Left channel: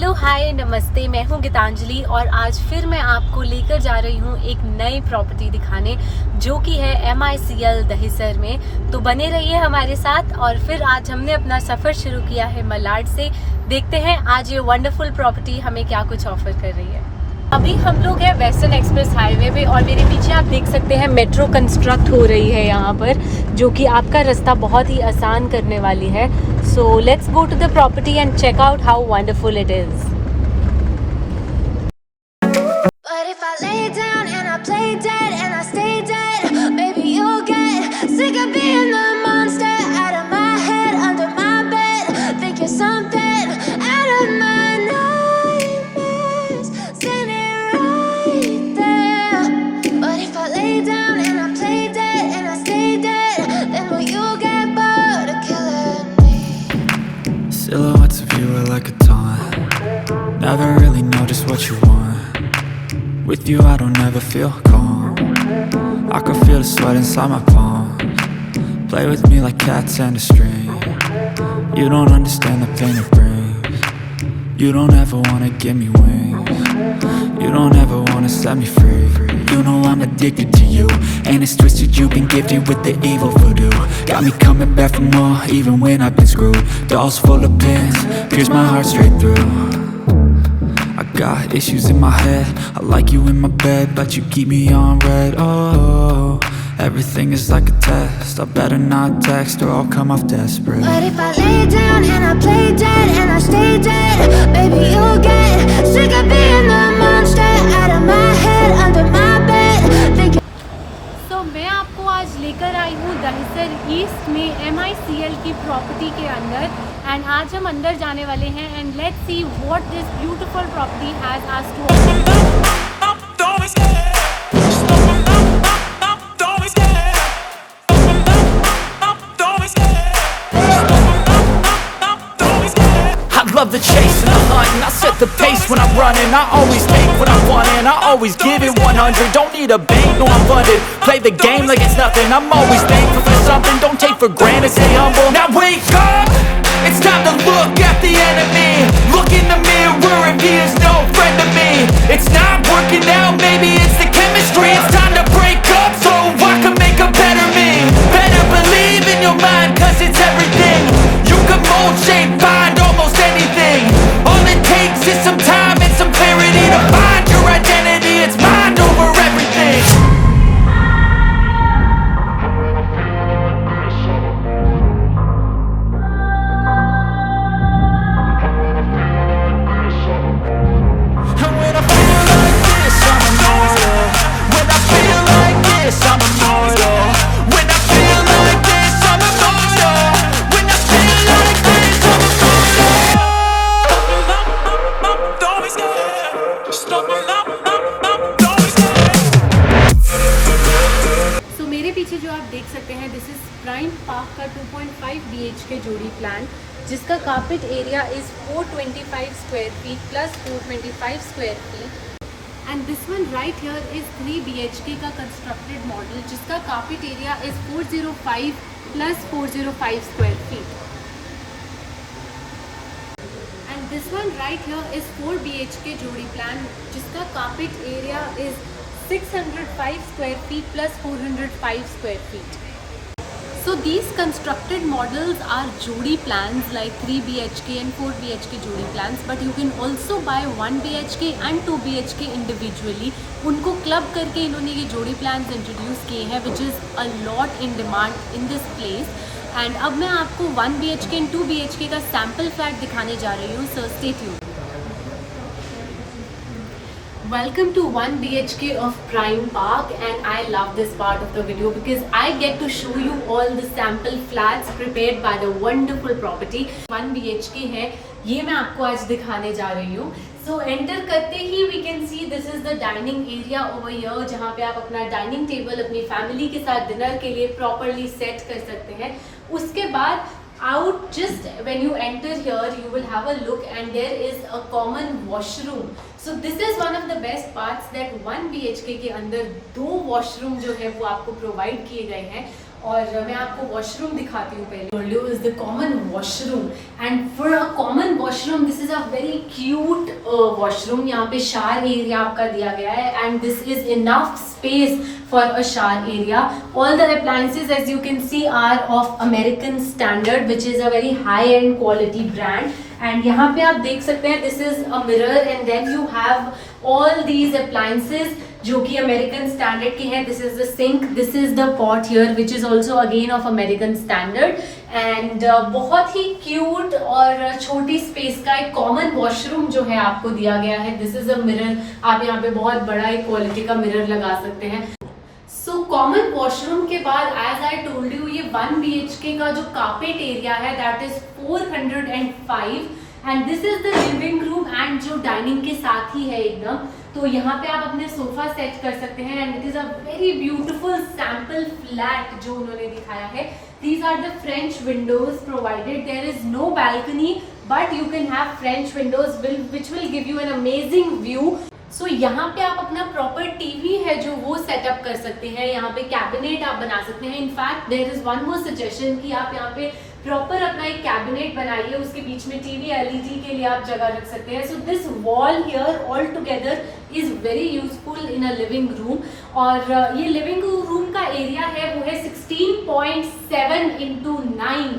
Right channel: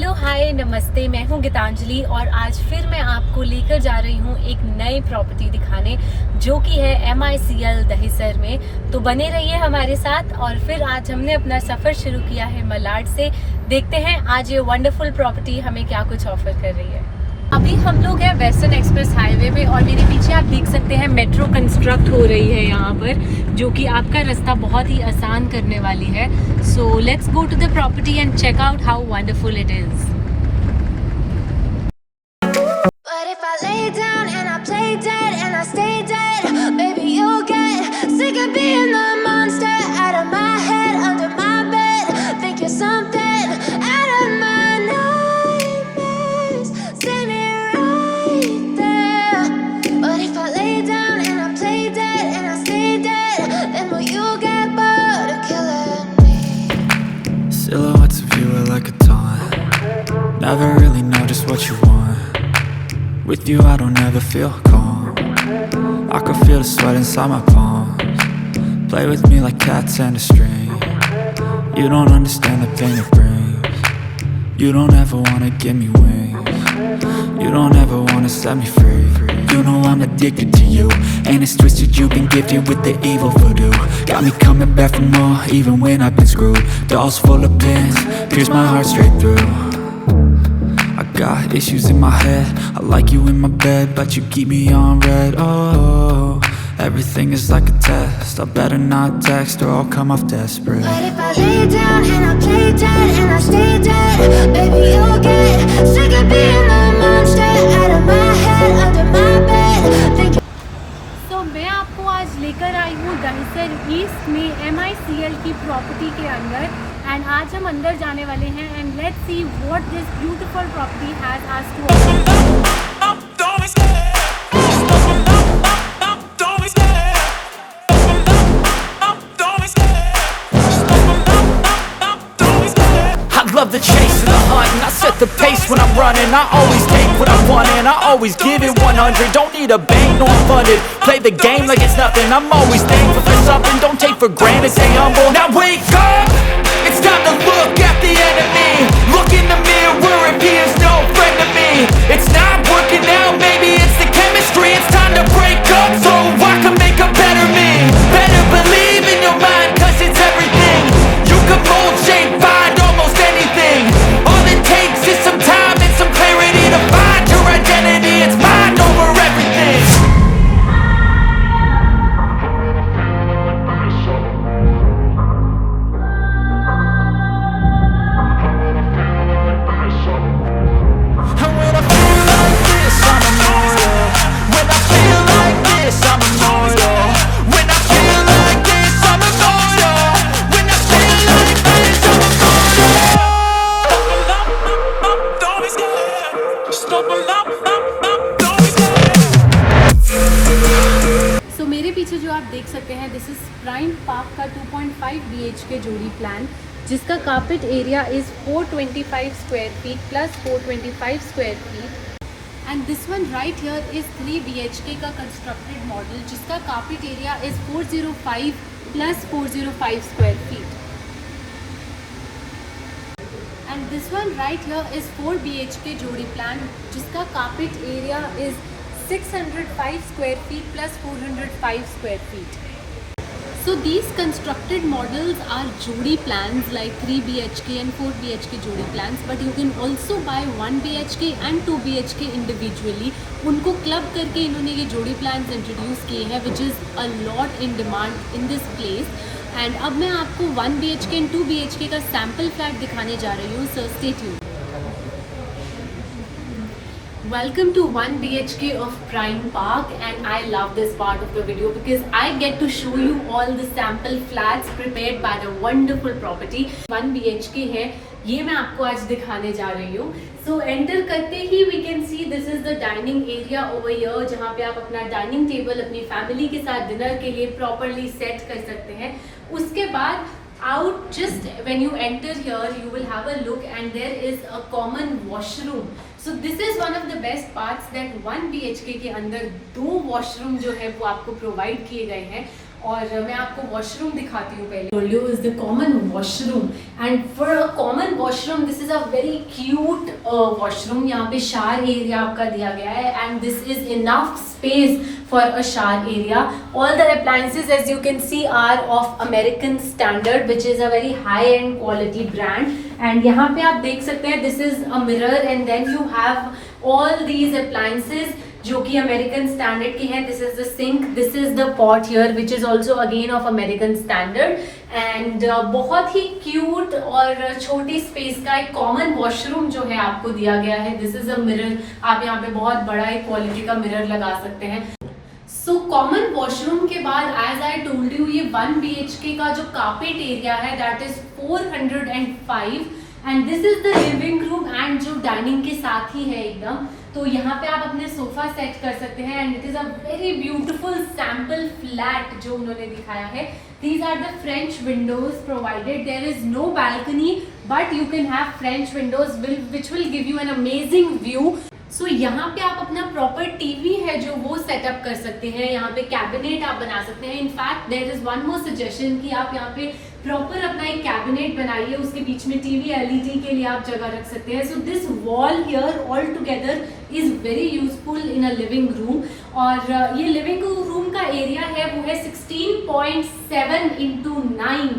Hello hi नमस्ते, मैं हूं गीतांजलि और आज फिर मैं आपको लेकर जा रही हूं एक नई प्रॉपर्टी दिखाने जो कि है MICL दहिसर में। तो बने रहिए हमारे साथ। और फिर आज हमने अपना सफ़र शुरू किया है मलाड से। देखते हैं आज ये वंडरफुल प्रॉपर्टी हमें क्या कुछ ऑफर कर रही है। अभी हम लोग हैं वेस्टर्न एक्सप्रेस हाईवे पे और मेरे पीछे आप देख सकते हैं मेट्रो कंस्ट्रक्ट हो रही है यहाँ पर, जो कि आपका रास्ता बहुत ही आसान करने वाली है। So let's go to the property and check out how wonderful it is. Silhouettes of you are like a taunt. Never really know just what you want. With you I don't ever feel calm. I can feel the sweat inside my palms. Play with me like cats and a string. You don't understand the pain it brings. You don't ever wanna give me wings. You don't ever wanna set me free. You know I'm addicted to you, and it's twisted, you've been gifted with the evil voodoo. Got me coming back for more, even when I've been screwed. Dolls full of pins, pierce my heart straight through. I got issues in my head, I like you in my bed, but you keep me on red. Oh, everything is like a test, I better not text or I'll come off desperate. But if I lay down and I play dead and I stay dead, baby you'll get sick of being the monster out of my head, under my bed, thinking. तो मैं आपको आज लेकर आई हूँ Dahisar East में MICL की property के अंदर। एंड आज हम अंदर जाने वाले हैं and let's see what this beautiful property has us to offer. I love the chase and the hunt, and I set the pace when I'm running. I always take what I want and I always give it 100. Don't need a bank, no I'm funded. Play the game like it's nothing, I'm always thankful for something. Don't take for granted, stay humble. Now wake up, it's time to look at the enemy. Look in the mirror if he is no friend to me. It's not working out, maybe it's the chemistry. It's time to break up so I can make a better me. Better believe in your mind, cause it's everything. You can mold, shape, find almost anything. All it takes is some time and some clarity to find your identity. It's mind over everything. And when I feel like this, I'm immortal. When I feel like this, I'm immortal. When I feel like this, I'm immortal. When I feel like this, I'm immortal. Don't be scared. Just step up. सो मेरे पीछे जो आप देख सकते हैं this is prime park का 2.5 BHK जोड़ी plan, जिसका carpet area is 425 square feet plus 425 square feet. And this one right here is 3 BHK का कंस्ट्रक्टेड मॉडल, जिसका carpet area is 405 plus 405 square feet. And this one right here is 4 BHK जोड़ी plan, जिसका carpet area is 605 square feet plus 405 square feet. So these constructed models are jodi plans like 3 BHK and 4 BHK jodi plans, but you can also buy 1 BHK and 2 BHK individually. उनको club करके इन्होंने ये जोड़ी plans introduce किए हैं, which is a lot in demand in this place. And अब मैं आपको 1 BHK एंड 2 BHK का सैम्पल फ्लैट दिखाने जा रही हूँ, so stay tuned. Welcome to 1 BHK of Prime Park, and I love this part of the video because I get to show you all the sample flats prepared by the wonderful property. 1 BHK है, ये मैं आपको आज दिखाने जा रही हूँ। So enter करते ही we can see this is the dining area over here, जहाँ पे आप अपना डाइनिंग टेबल अपनी फैमिली के साथ डिनर के लिए प्रॉपरली सेट कर सकते हैं। उसके बाद out just when you enter here you will have a look and there is a common washroom. So this is one of the best parts that 1 BHK के अंदर 2 वॉशरूम जो है वो आपको प्रोवाइड किए गए हैं। और मैं आपको वॉशरूम दिखाती हूँ पहले। Told is the common washroom and for a common washroom this is a very cute washroom। यहाँ पे shower area आपका दिया गया है and this is enough space for a shower area। All the appliances as you can see are of American standard which is a very high end quality brand and यहाँ पे आप देख सकते हैं this is a mirror and then you have all these appliances जो कि American standard की है। This is the sink, this is the pot here which is also again of American standard and बहुत ही क्यूट और छोटी space का एक कॉमन वॉशरूम जो है आपको दिया गया है। दिस इज अ मिरर, आप यहाँ पे बहुत बड़ा एक क्वालिटी का मिरर लगा सकते हैं। सो कॉमन वॉशरूम के बाद एज आई टोल्ड यू ये 1 BHK का जो कार्पेट एरिया है that is 405 and this is the living room and जो डाइनिंग के साथ ही है एकदम। तो यहाँ पे आप अपने सोफा सेट कर सकते हैं and it is a very beautiful sample flat जो उन्होंने दिखाया है। These are the French windows provided. There is no balcony but you can have French windows which will give you an amazing view. सो यहाँ पे आप अपना proper TV है जो वो सेटअप कर सकते हैं, यहाँ पे कैबिनेट आप बना सकते हैं। In fact there is one more suggestion कि आप यहाँ पे प्रॉपर अपना एक कैबिनेट बनाइए, उसके बीच में टीवी LED के लिए आप जगह रख सकते हैं। So this wall here all together is very useful in a living room और ये लिविंग रूम का एरिया है वो है 16.7 × 9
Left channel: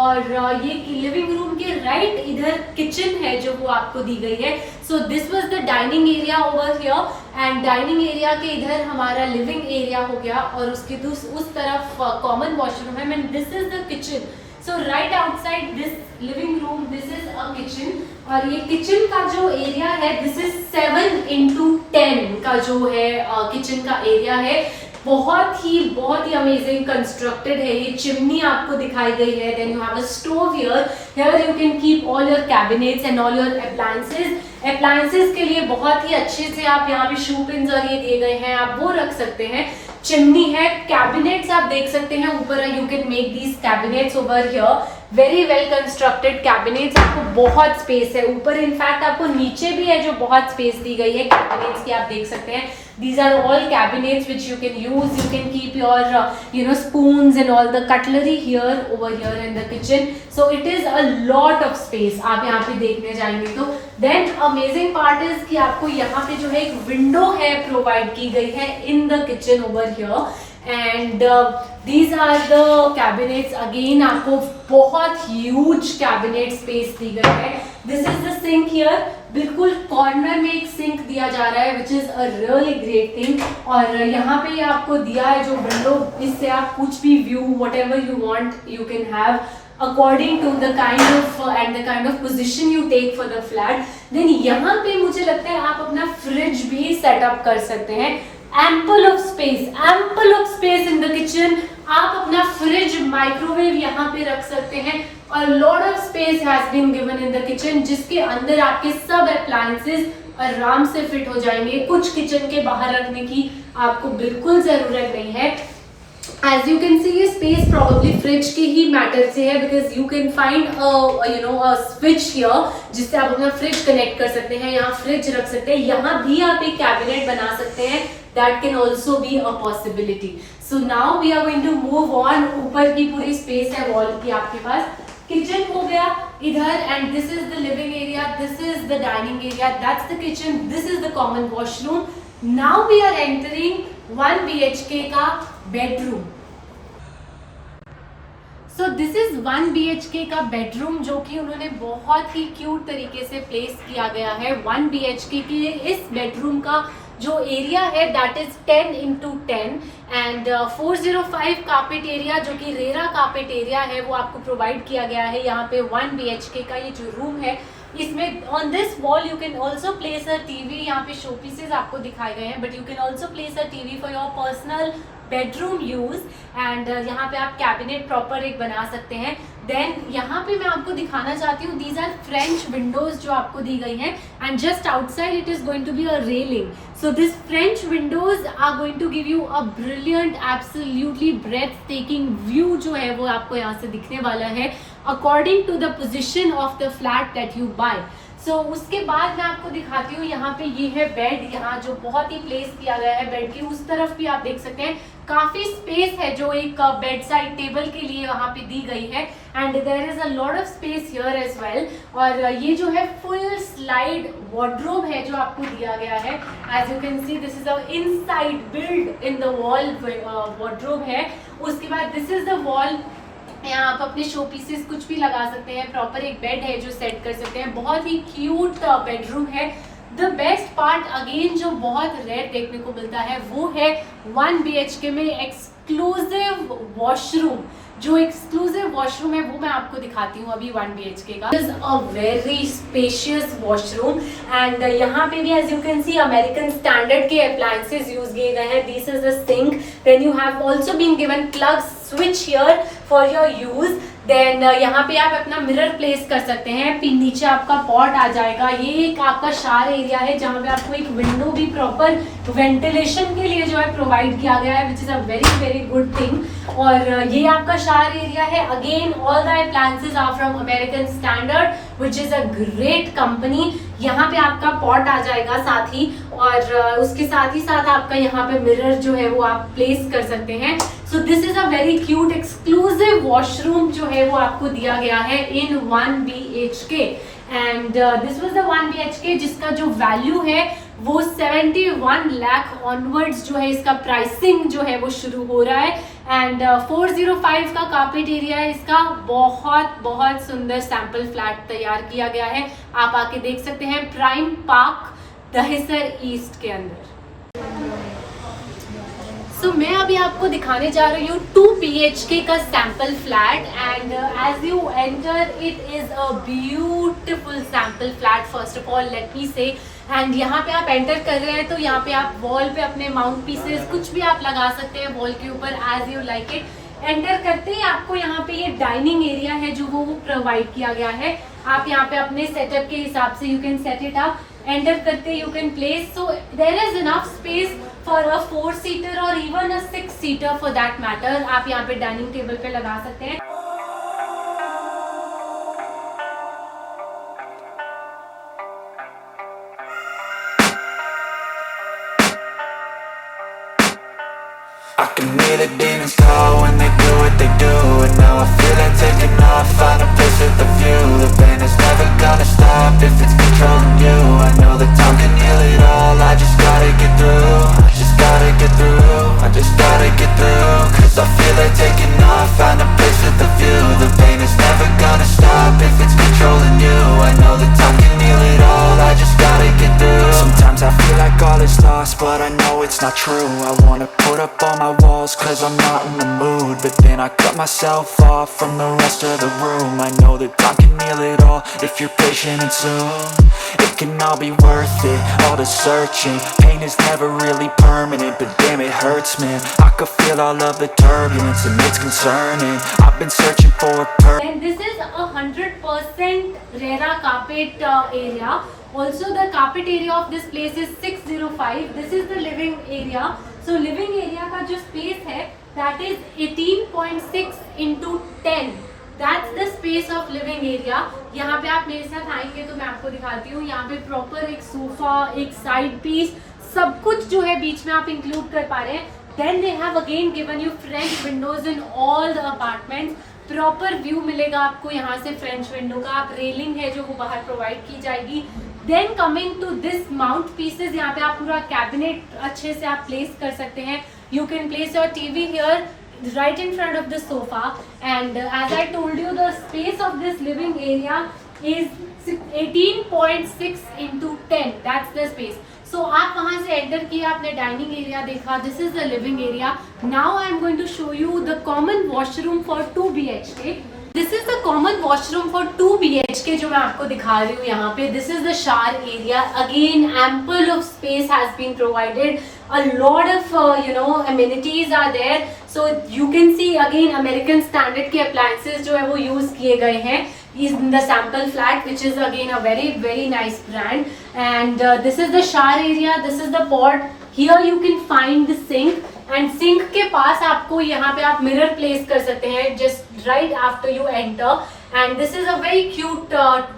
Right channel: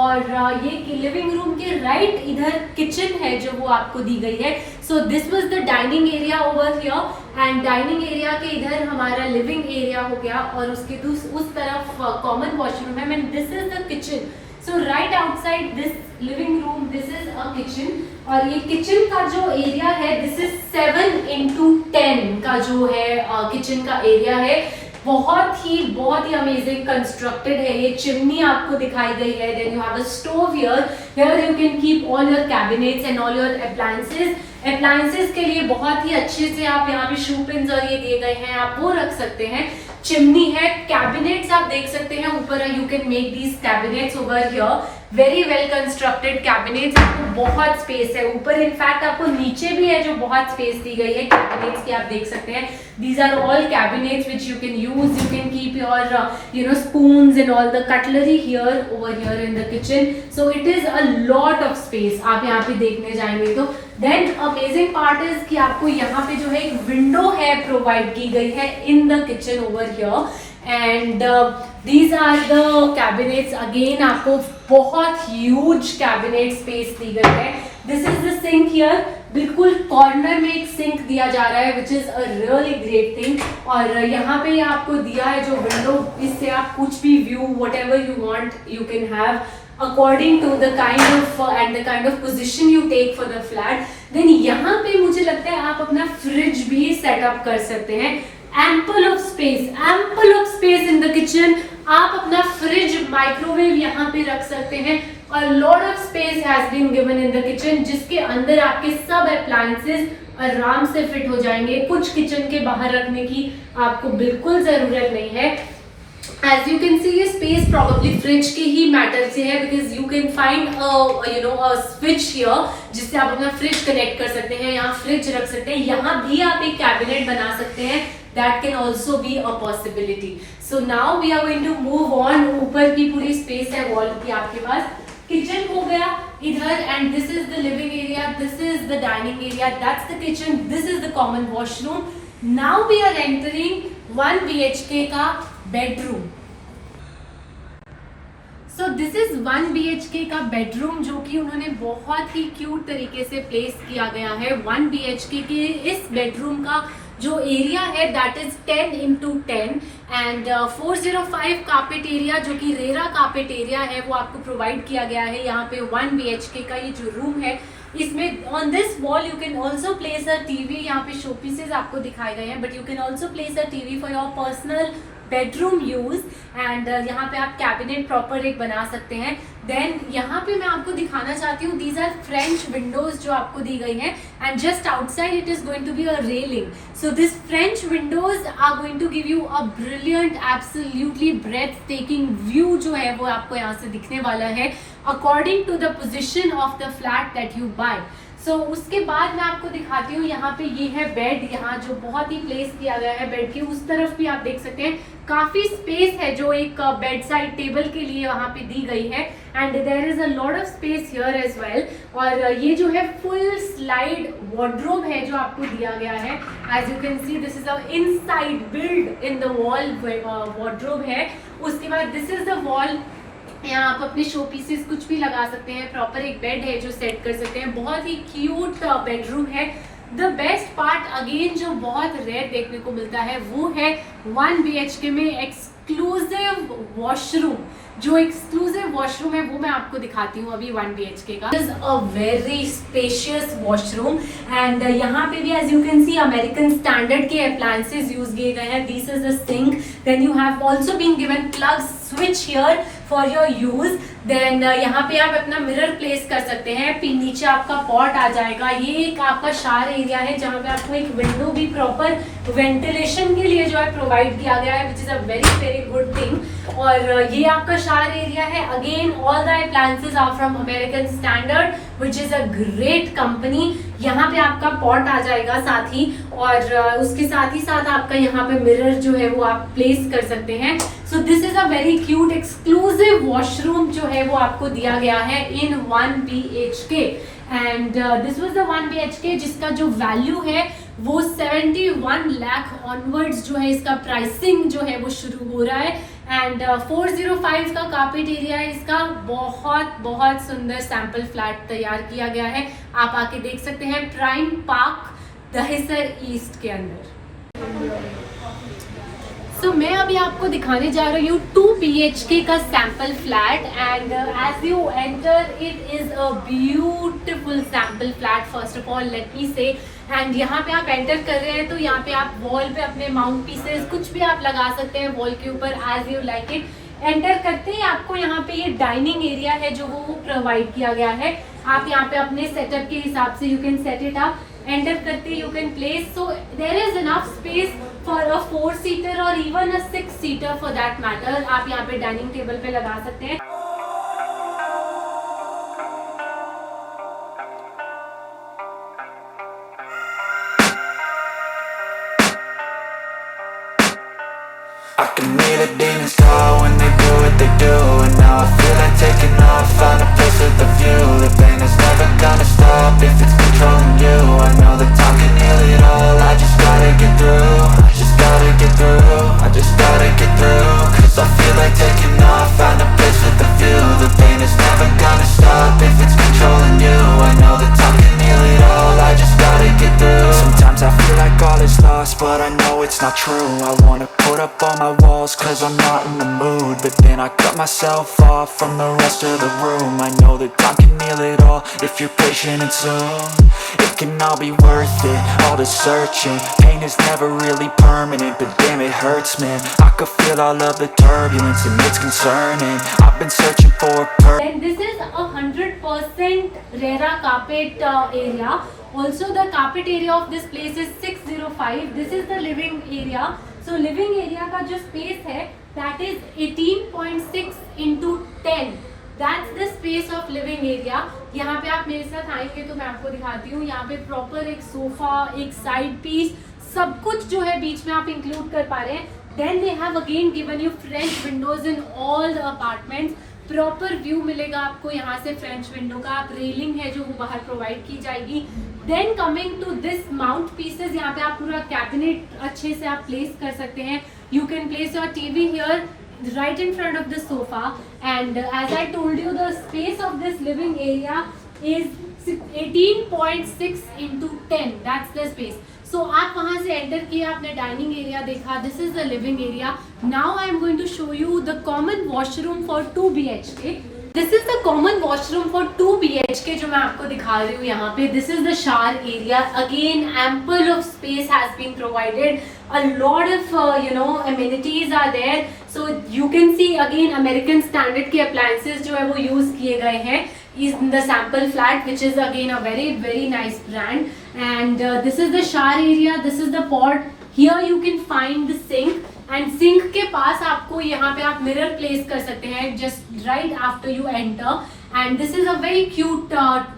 और ये लिविंग रूम के राइट इधर किचन है जो वो आपको दी गई है। So this was the dining area over here and dining area के इधर हमारा लिविंग एरिया हो गया और उसके उस तरफ कॉमन वॉशरूम है and this is the kitchen. So right outside this living room this is a kitchen और ये किचन का जो एरिया है दिस इज 7 × 10 का जो है किचन का एरिया है। बहुत ही अमेजिंग कंस्ट्रक्टेड है। ये चिमनी आपको दिखाई गई है। Then you have a stove here you can keep all your cabinets and all your appliances के लिए बहुत ही अच्छे से आप यहाँ पे शू पिन्स और ये दिए गए हैं, आप वो रख सकते हैं। चिमनी है, कैबिनेट्स आप देख सकते हैं ऊपर, you can make these cabinets over here. Very well constructed cabinets, आपको बहुत स्पेस है ऊपर, इनफैक्ट आपको नीचे भी है जो बहुत स्पेस दी गई है कैबिनेट्स की, आप देख सकते हैं। These are all cabinets which you can use. You can keep your spoons and all the cutlery over here in the kitchen. So it is a lot of space. आप यहाँ पे देखने जाएंगे तो then amazing part is कि आपको यहाँ पे जो है एक window है provide की गई है in the kitchen over here. And these are the cabinets. Again आपको बहुत huge cabinet space दी गई है. This is the sink here. बिल्कुल कॉर्नर में एक सिंक दिया जा रहा है which is a really great thing और यहाँ पे आपको दिया है जो विंडो, इससे आप कुछ भी view whatever you want you can have according to the kind of position you take for the flat. देन यहाँ पे मुझे लगता है आप अपना फ्रिज भी सेटअप कर सकते हैं। Ample of space in the kitchen. आप अपना फ्रिज माइक्रोवेव यहाँ पे रख सकते हैं और lot of space has been given in the kitchen जिसके अंदर आपके सब अप्लायंसेस आराम से फिट हो जाएंगे। कुछ किचन के बाहर रखने की आपको बिल्कुल जरूरत नहीं है। एज यू कैन सी ये स्पेस प्रॉब्ली फ्रिज के ही मैटर से है because you can find a switch here जिससे आप अपना फ्रिज कनेक्ट कर सकते हैं, यहाँ फ्रिज रख सकते हैं, यहाँ भी आप एक कैबिनेट बना सकते हैं। That can also be a possibility. So now we are going to move on. ऊपर की पूरी स्पेस है वॉल की आपके पास। किचन हो गया इधर and this is the living area, this is the dining area, that's the kitchen, this is the common washroom. Now we are entering 1 BHK का bedroom. So this is 1 BHK का bedroom जो कि उन्होंने बहुत ही क्यूट तरीके से place किया गया है। 1 BHK की इस बेडरूम का जो एरिया है that is 10 × 10 and 405 carpet area जो कि रेरा कार्पेट एरिया है वो आपको प्रोवाइड किया गया है। यहाँ पे 1 BHK का ये जो रूम है इसमें on this wall you can also place a TV. यहाँ पे शो पीसेज आपको दिखाए गए हैं but you can also place a TV for your personal bedroom use and यहाँ पे आप कैबिनेट प्रॉपर एक बना सकते हैं। देन यहाँ पे मैं आपको दिखाना चाहती हूँ दीज आर फ्रेंच विंडोज जो आपको दी गई हैं and just outside it is going to be a railing. So this French windows are going to give you a brilliant absolutely breath taking view जो है वो आपको यहाँ से दिखने वाला है according to the position of the flat that you buy. So उसके बाद मैं आपको दिखाती हूँ यहाँ पे ये है बेड, यहाँ जो बहुत ही प्लेस किया गया है बेड के उस तरफ भी आप देख सकते हैं काफी स्पेस है जो एक बेड साइड टेबल के लिए वहाँ पे दी गई है and there is a lot of space here as well. और ये जो है फुल स्लाइड वार्डरोब है जो आपको दिया गया है। As you can see this is a inside build in the wall wardrobe है। उसके बाद दिस इज द वॉल, यहाँ आप अपने शो पीसेस कुछ भी लगा सकते हैं। प्रॉपर एक बेड है जो सेट कर सकते हैं, बहुत ही क्यूट बेडरूम है। द बेस्ट पार्ट अगेन जो बहुत रेयर देखने को मिलता है वो है 1 BHK में एक्सक्लूसिव वॉशरूम। जो एक्सक्लूसिव वॉशरूम है वो मैं आपको दिखाती हूँ अभी 1 BHK का। Is a very spacious washroom and यहाँ पे भी as you can see American standard के अप्लायंसेस यूज किए गए हैं। This is a sink, then you have also been given plug switch here for your use. Then यहाँ पे आप अपना मिरर प्लेस कर सकते हैं, फिर नीचे आपका पॉट आ जाएगा। ये एक आपका शार एरिया है जहाँ पे आपको एक विंडो भी प्रॉपर वेंटिलेशन के लिए जो है प्रोवाइड किया गया है, which is a very very good thing. और ये आपका शार एरिया है। Again all the appliances are from American standard which is a great company. यहाँ पे आपका पॉट आ जाएगा साथ ही, और उसके साथ ही साथ आपका यहाँ पे मिरर जो है वो आप प्लेस कर सकते हैं। सो this is a very cute exclusive washroom जो है वो आपको दिया गया है इन 1 BHK and this was the 1 BHK जिसका जो वैल्यू है वो 71 लाख ऑनवर्ड्स जो है इसका प्राइसिंग जो है वो शुरू हो रहा है। एंड 405 का कारपेट एरिया है इसका। बहुत बहुत सुंदर सैंपल फ्लैट तैयार किया गया है, आप आके देख सकते हैं प्राइम पार्क दहिसर ईस्ट के अंदर। सो मैं अभी आपको दिखाने जा रही हूँ 2 BHK का sample flat and as you enter it is a beautiful sample flat first of all let me say. And यहाँ पे आप एंटर कर रहे हैं तो यहाँ पे आप वॉल पे अपने माउंट पीसेस कुछ भी आप लगा सकते हैं वॉल के ऊपर as you like it. Enter करते ही आपको यहाँ पे ये डाइनिंग एरिया है जो वो प्रोवाइड किया गया है। आप यहाँ पे अपने सेटअप के हिसाब से you can set it up. Enter करते you can place, so there is enough space for a 4-seater और even a 6-seater for that matter. आप यहाँ पे डाइनिंग टेबल पे लगा सकते हैं। I can hear the demons call when they do what they do, and now I feel like taking off, find a place with a view. The pain is never gonna stop if it's controlling you. I know that time can heal it all, I just gotta get through. I just gotta get through, I just gotta get through. Cause I feel like taking off, find a place with a view. The pain is never gonna stop if it's controlling you. I know that time can heal it all, I just gotta get through. Sometimes I feel like all is lost, but I know it's not true. I wanna put up all my walls cause I'm not in the mood, but then I cut myself off from the rest of the room. I know that time can heal it all if you're patient and soon it can all be worth it, all the searching. Pain is never really permanent, but damn it hurts man. I could feel all of the turbulence and it's concerning. I've been searching for a purpose. And this is 100% RERA carpet area. Also the carpet area of this place is 605. This is the living area. So living area का जो space है that is 18.6 into 10. That's the space of living area. यहाँ पे आप मेरे साथ आएंगे तो मैं आपको दिखाती हूँ। यहाँ पे प्रॉपर एक सोफा, एक साइड पीस, सब कुछ जो है बीच में आप इंक्लूड कर पा रहे हैं। Then they have again given you French windows in all the apartments. Proper view मिलेगा आपको यहाँ से फ्रेंच विंडो का। आप रेलिंग है जो वो बाहर प्रोवाइड की जाएगी। Then coming to this mount pieces, यहाँ पे आप पूरा कैबिनेट अच्छे से आप प्लेस कर सकते हैं। You can place your TV here right in front of the sofa, and as I told you the space of this living area is 18.6 into 10. That's the space. So आप वहाँ से enter किया, आपने dining area देखा, this is the living area. Now I am going to show you the common washroom for 2 BHK. This is the common washroom for 2 BHK जो मैं आपको दिखा रही हूँ यहाँ पे। This is the shower area. Again ample of space has been provided, a lot of amenities are there. So you can see again American standard के appliances जो है वो use किए गए हैं in the sample flat, which is again a very very nice brand. And this is the shower area, this is the pot. Here you can find the sink, and sink के पास आपको यहाँ पे आप mirror place कर सकते हैं just right after you enter. And this is a very cute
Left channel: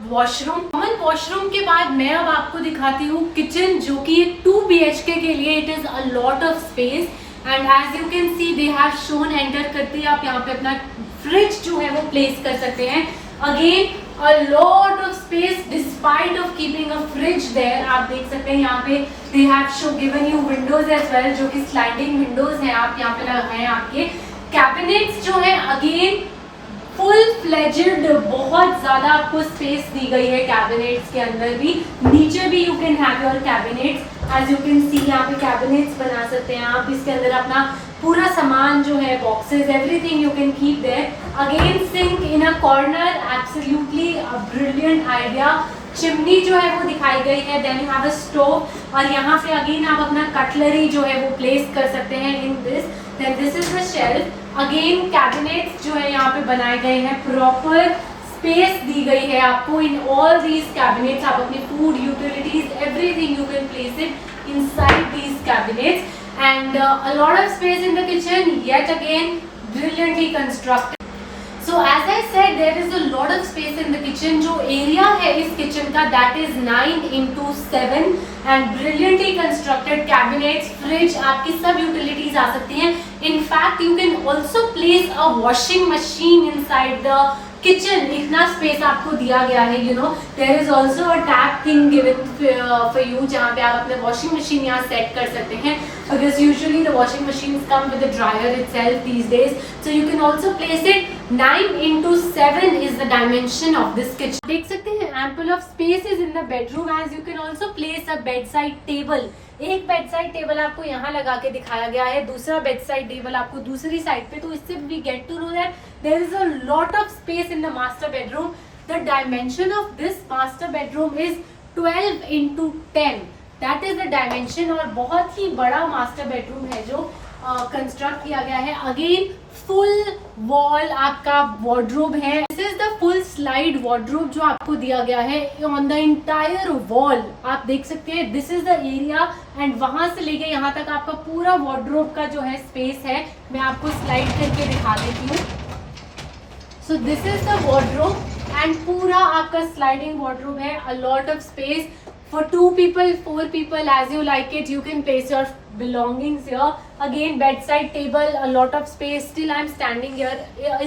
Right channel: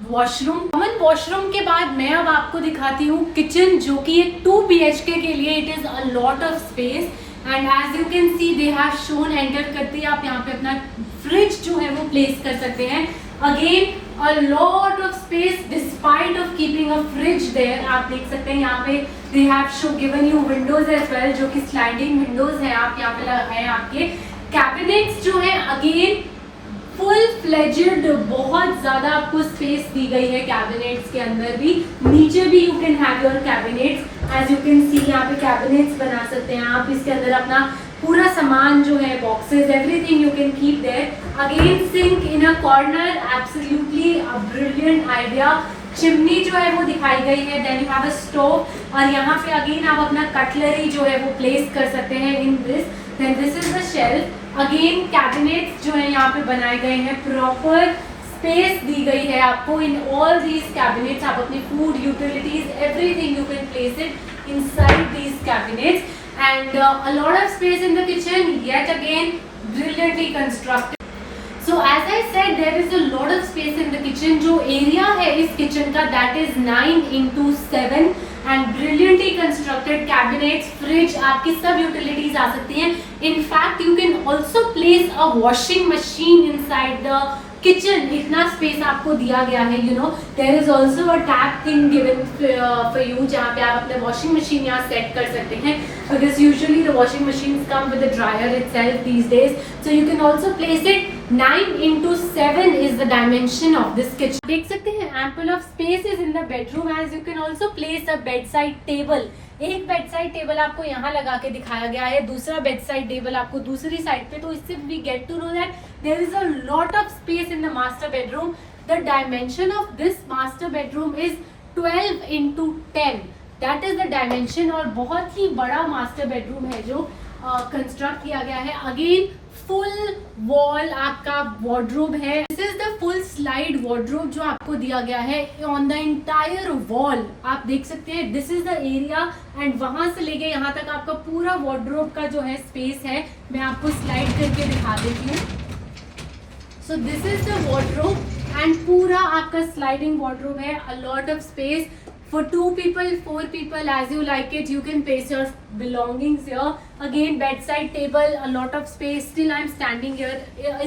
washroom. Common washroom के बाद मैं अब आपको दिखाती हूँ किचन, जो कि 2 BHK के लिए it is a lot of space. And as you can see they have shown, enter करते ही आप यहाँ पे अपना फ्रिज जो है वो प्लेस कर सकते हैं। Again a lot of space despite of keeping a fridge there। आप देख सकते हैं यहाँ पे they have given you windows as well, जो कि sliding windows हैं, आप यहाँ पे लगाए आपके cabinets जो है अगेन फुल फ्लेजेड, बहुत ज्यादा आपको स्पेस दी गई है कैबिनेट्स के अंदर भी, नीचे भी you can have your cabinets. As you can see यहाँ पे कैबिनेट्स बना सकते हैं आप, इसके अंदर अपना पूरा सामान जो है, boxes, everything you can keep there. Again sink in a corner, absolutely a brilliant idea. Chimney जो है वो दिखाई गई है। Then you have a stove, और यहाँ पे अगेन आप अपना कटलरी जो है वो प्लेस कर सकते हैं in this. Then this is the shelf. Again cabinets जो है यहाँ पे बनाए गए हैं, प्रॉपर स्पेस दी गई है आपको इन ऑल दीज कैबिनेट्स। आप अपने food, utilities, everything you can place it inside these cabinets, and a lot of space in the kitchen, yet again brilliantly constructed. So as I said, there is a lot of space in the kitchen। जो area है इस kitchen का that is 9x7 and brilliantly constructed cabinets, fridge, आपकी सब utilities आ सकती हैं। In fact, you can also place a washing machine inside the kitchen। इतना space आपको दिया गया है। You know there is also a tap thing given for you, जहाँ पे आप अपने वॉशिंग मशीन यहाँ सेट कर सकते हैं, because usually the washing machine come with the dryer itself these days. So you can also place it. 9x7 is the dimension of this kitchen। देख सकते हैं ample of space is in the bedroom, as you can also place a bedside table। एक bed side table आपको यहाँ लगा के दिखाया गया है, दूसरा बेड साइड टेबल आपको दूसरी साइड पे। तो इससे we get to know that there is a lot of space in the master bedroom. The dimension of this master bedroom is 12x10, that is the dimension. और बहुत ही बड़ा master bedroom है जो कंस्ट्रक्ट किया गया है। अगेन फुल वॉल आपका wardrobe है। This is the full slide wardrobe जो आपको दिया गया है ऑन द इंटायर वॉल। आप देख सकते हैं this is the area, and वहां से लेके यहाँ तक आपका पूरा वार्डरोब का जो है स्पेस है, मैं आपको स्लाइड करके दिखा देती हूँ। सो this is the wardrobe, and पूरा आपका स्लाइडिंग वार्डरोब है। अ lot of space for 2 people, 4 people, as you like it, you can place your belongings here. Again, bedside table, a lot of space. Still I'm standing here,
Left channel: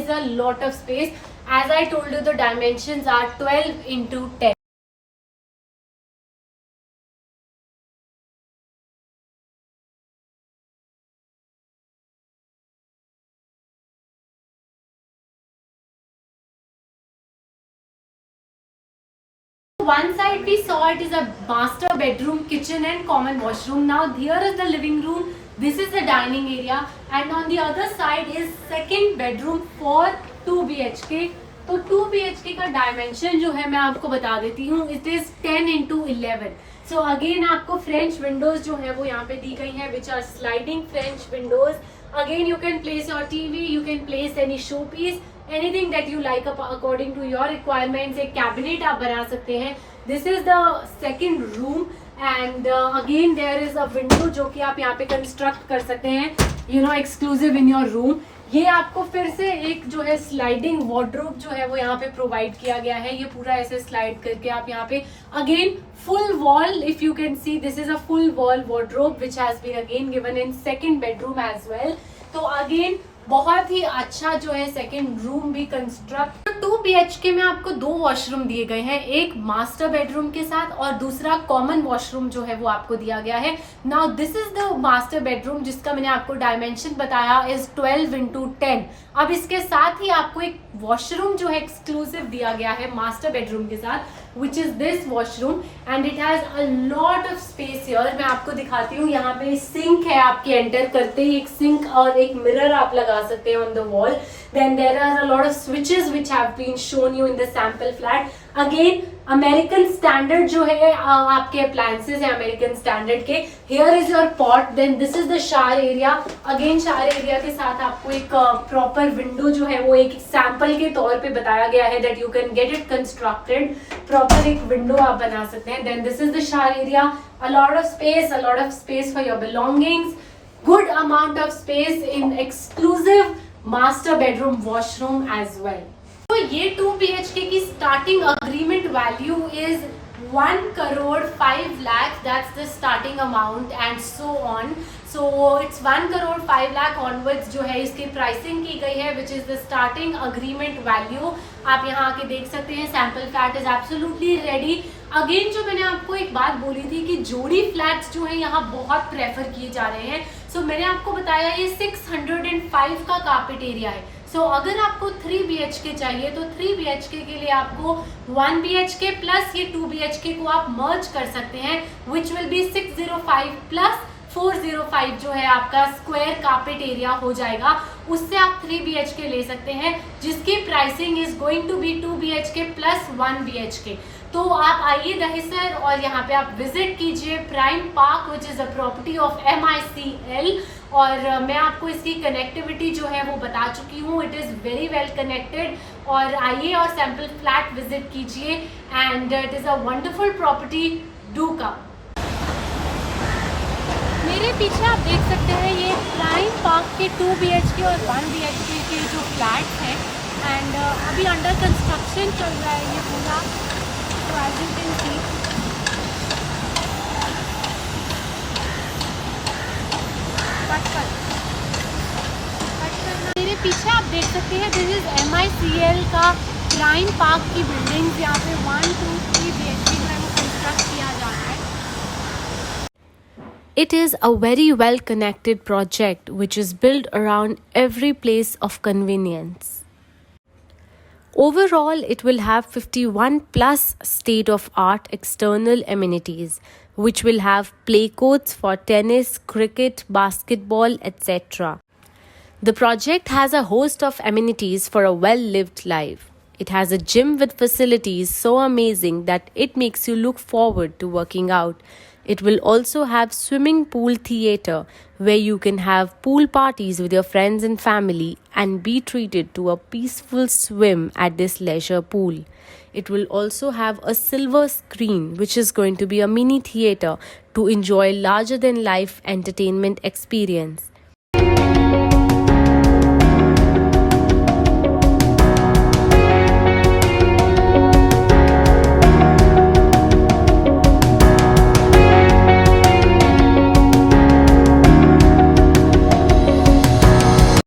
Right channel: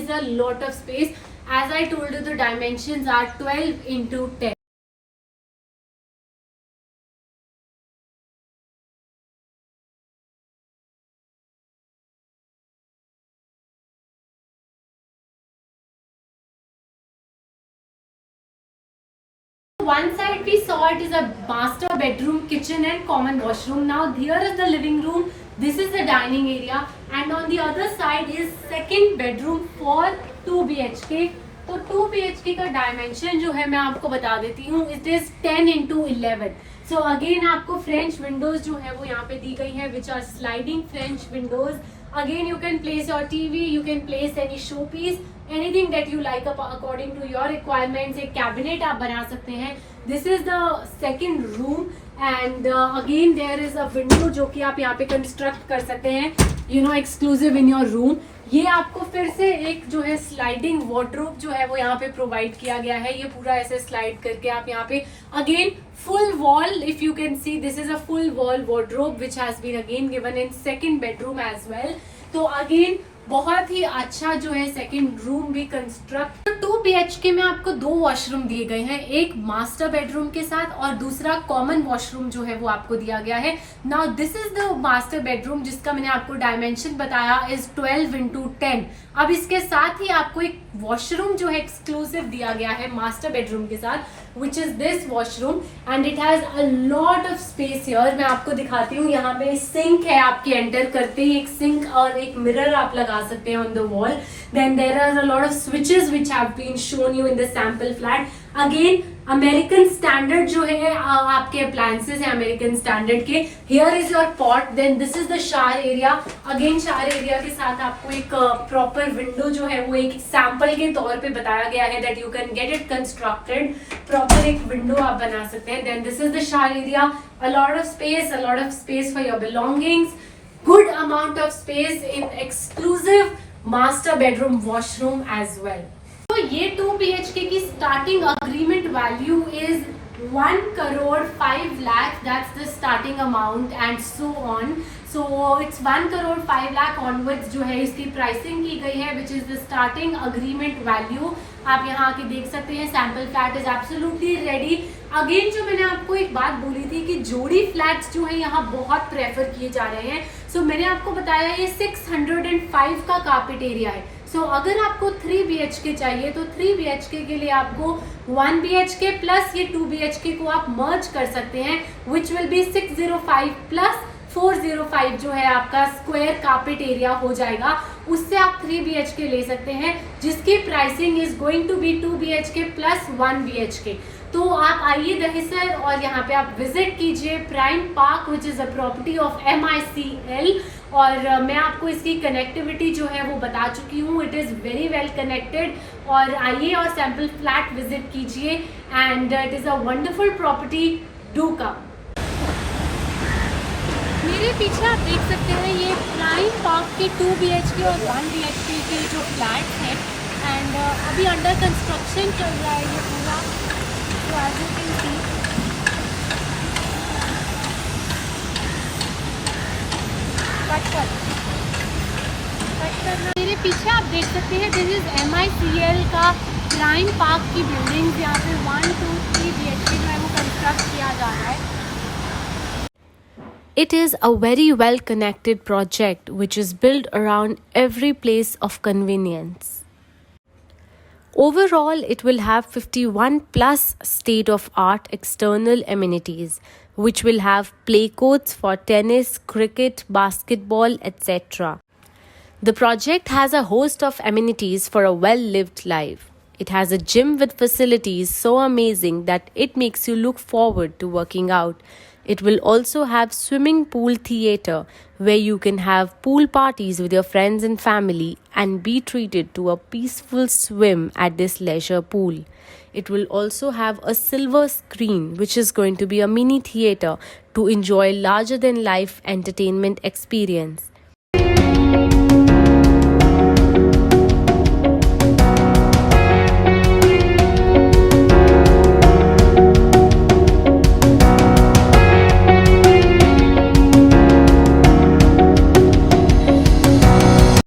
is a lot of space. As I told you, the dimensions are 12x10. One side we saw it is a master bedroom, kitchen and common washroom. Now here is the living room, this is the dining area, and on the other side is second bedroom for 2 BHK। तो 2 BHK का dimension जो है मैं आपको बता देती हूँ, इट इज 10x11। सो अगेन आपको फ्रेंच विंडोज जो है वो यहाँ पे दी गई है, which are sliding French windows. Again you can place your TV, you can place any showpiece, anything that you like according to your requirements। एक कैबिनेट आप बना सकते हैं। This is the second room, and again there is a window जो कि आप यहाँ पे कंस्ट्रक्ट कर सकते हैं, you know, exclusive in your room। ये आपको फिर से एक जो है स्लाइडिंग वार्डरोब जो है वो यहाँ पे प्रोवाइड किया गया है। ये पूरा ऐसे स्लाइड करके आप यहाँ पे again full wall, if you can see, this is a full wall wardrobe which has been again given in second bedroom as well। तो अगेन बहुत ही अच्छा जो है सेकेंड रूम भी कंस्ट्रक्ट। 2 BHK में आपको 2 वॉशरूम दिए गए हैं, एक मास्टर बेडरूम के साथ और दूसरा कॉमन वॉशरूम जो है वो आपको दिया गया है। Now this is the master bedroom जिसका मैंने आपको डायमेंशन बताया इज 12x10। अब इसके साथ ही आपको एक वॉशरूम जो है एक्सक्लूसिव दिया गया है मास्टर बेडरूम के साथ, which is this washroom, and it has a lot of space here। मैं आपको दिखाती हूँ, यहाँ पे सिंक है, आपके एंटर करते ही एक सिंक और एक मिरर आप लगा सकते हैं on the wall। Then there are a lot of switches which have been shown you in the sample flat। Again American standard जो है आपके अप्लायंसेस है अमेरिकन स्टैंडर्ड के। Here is your pot, then this is the shower area. Again shower area के साथ आपको एक proper window जो है वो एक सैंपल के तौर पे बताया गया है that you can get it constructed, proper एक विंडो आप बना सकते हैं। Then this is the shower area, a lot of space for your belongings, good amount of space in exclusive master bedroom washroom as well। तो ये 2 BHK की starting agreement value is 1,05,00,000 that's the starting amount and so on. So it's 1,05,00,000 onwards जो है इसकी pricing की गई है which is the starting agreement value. आप यहाँ आके देख सकते हैं sample flat is absolutely ready. Again जो मैंने आपको एक बात बोली थी कि जोड़ी फ्लैट्स जो है यहाँ बहुत प्रेफर किए जा रहे हैं. सो मैंने आपको बताया ये 605 का कारपेट एरिया है. सो अगर आपको 3 BHK चाहिए तो 3 BHK के लिए आपको 1 BHK प्लस ये 2 BHK को आप मर्ज कर सकते हैं विच विल बी 605 प्लस 405 जो है आपका स्क्वायर कारपेट एरिया हो जाएगा. उससे आप 3 BHK ले सकते हैं जिसकी pricing is going to be 2 BHK plus 1 BHK. तो आप आइए दहिसर और यहाँ पे आप विजिट कीजिए prime park which is a property of MICL. और मैं आपको इसकी कनेक्टिविटी जो है वो बता चुकी हूँ. It is very well connected. और आइए और सैम्पल फ्लैट विजिट कीजिए and it is a wonderful property. Do come. मेरे पीछे आप देख सकते हैं ये प्राइम पार्क के 2 BHK और 1 BHK के जो फ्लैट्स हैं एंड अभी अंडर कंस्ट्रक्शन चल रहा है ये पूरा. तो एज यू कैन सी मेरे पीछे आप देख सकते हैं दिस इज MICL का प्राइम पार्क की बिल्डिंग. यहाँ पे 1, 2, 3 BHK जो है वो कंस्ट्रक्ट किया जा रहा है. It is a very well connected project which is built around every place of convenience. Overall, it will have 51 plus state of art external amenities which will have play courts for tennis, cricket, basketball, etc. The project has a host of amenities for a well-lived life. It has a gym with facilities so amazing that it makes you look forward to working out. It will also have swimming pool theatre where you can have pool parties with your friends and family and be treated to a peaceful swim at this leisure pool. It will also have a silver screen which is going to be a mini theatre to enjoy larger than life entertainment experience.